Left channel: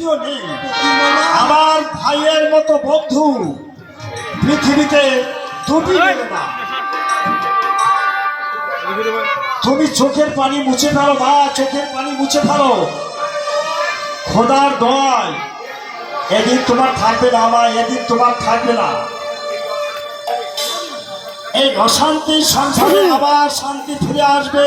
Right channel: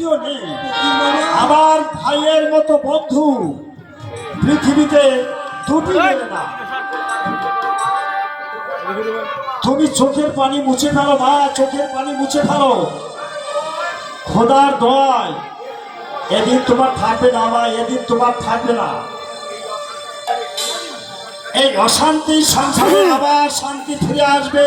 নেই আমার ভাইয়ের মতো বন্ধু পৃথিবীতে দুটি না। তুমি চোখের পানি মুছে ফেলো, মা, চোখের পানি মুছে ফেলো। খোদার দয় এদিন তোমার থাকবে না, মা, এদিন তোমার থাকবে না। এই অশান্তি সংসারে আবার শান্তি ফিরে আসবে।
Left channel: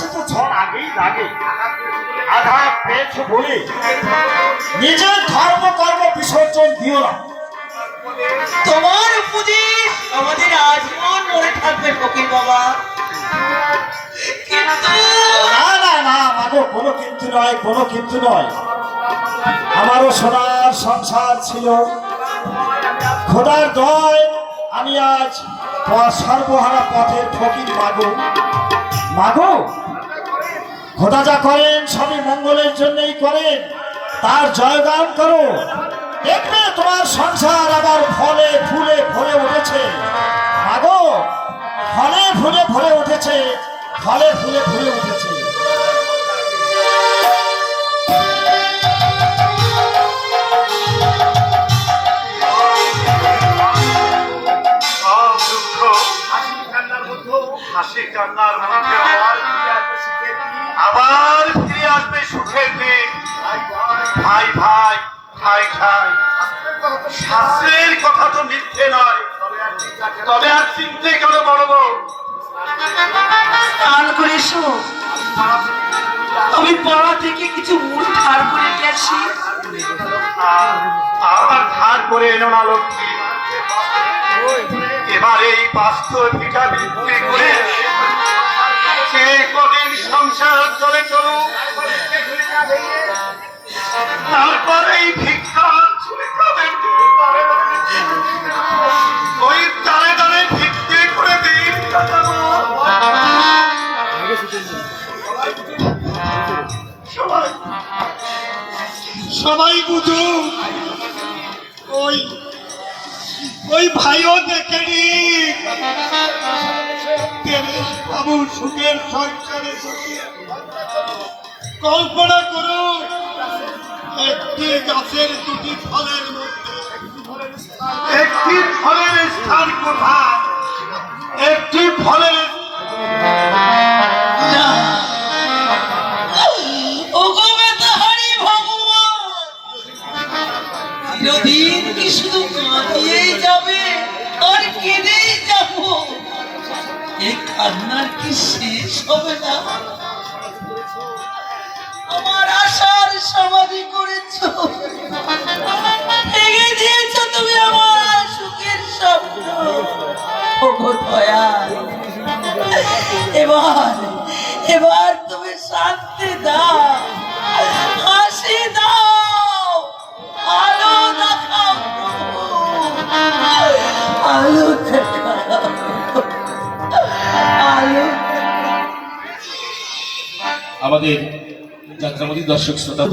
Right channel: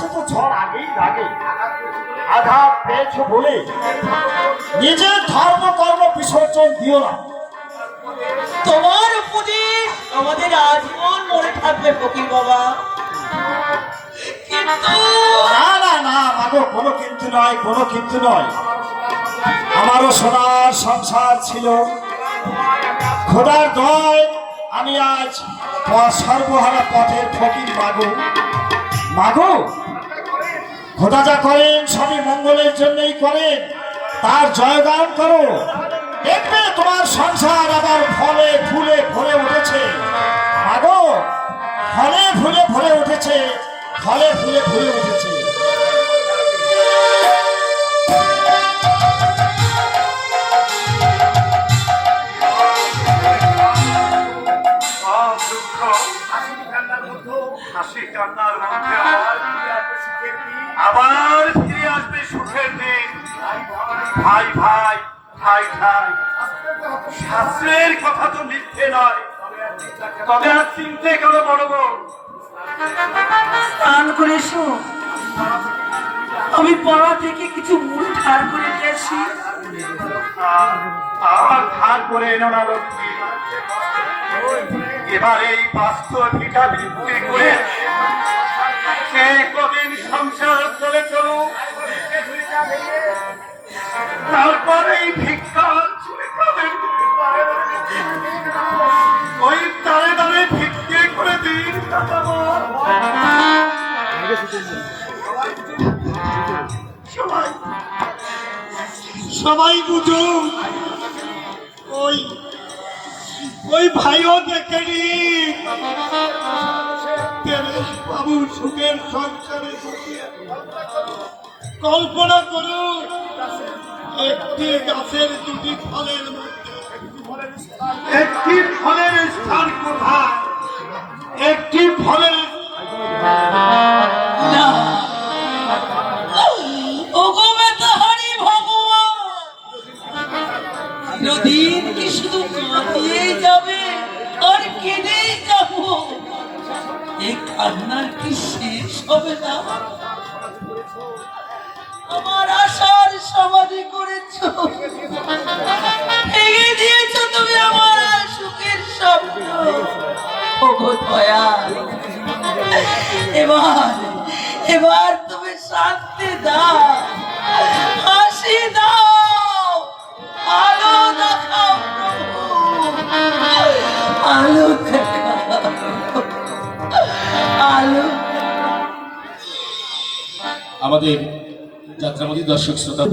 গাছে তো ঝড় আগেই লাগে। আঘা পেয়েছ বলে নিজের ধর্ম কর্ম বিসর্জন দিও না। তোমার উপদেশ আমাদের আজীবন মনে থাকবে ফকির বাবা। কিন্তু না না না মাগো কোনো কিন্তু নয় কোনো কিন্তু নয়। আমারও সোনার সংসার ছিল। খোদার দয় আমি আজ সর্বহারা পথের ফকির মাগো। মাগো খোদা যা করেন, সবই মঙ্গলের জন্যই করেন। তার জয়গান করো। দেখবে তোমার সংসার আবার ফলে ফুলে ভরে উঠেছে। মাগো ফলে ফুলে ভরে উঠেছে, ফলে ফুলে ভরে উঠেছে। হাসি কান্নার মধ্যে আবার ফিরে আসবে সুখের দিন। ভাই ভাই ভাই ভাই। শাস্ত্রের কথা তো মিথ্যে নয়। তবে আর চিনতে কেন বড় বউ করে আমি পাড়া থেকে কিছু মুড়ি ধার করে আসি। আবার ধার করে এনো না লক্ষ্মী এবার এই বিক্রি করে কদিন সংসার চলে চলুক। তারপরে এই ভিক্ষা চলে ওই দাঁড়ে দাঁড়ে ভিক্ষে করে দিন। সবাই সবাই বুঝুন, ওই ওই ভাইও দেখেনি। সংসারে সুখে কল্পনা করুন, একটি গাছের দুটি ফলের মধ্যে, একটি ফলের স্থান কোথায়? একটি ফলের চিরদিন কি শুধু কাঁদিয়েই যাবে, আর কেঁদেই যাব। এই কান্নার কি শেষ হবে না? আমার আশার সমাধি করেছ। ভেঙে দিয়েছ তুমি আমার সুখের স্বপ্ন। এবার এবার তুমি শান্তি দাও। হাসি দাও। আমাদের যাত্রামতী দর্শক শ্রোতা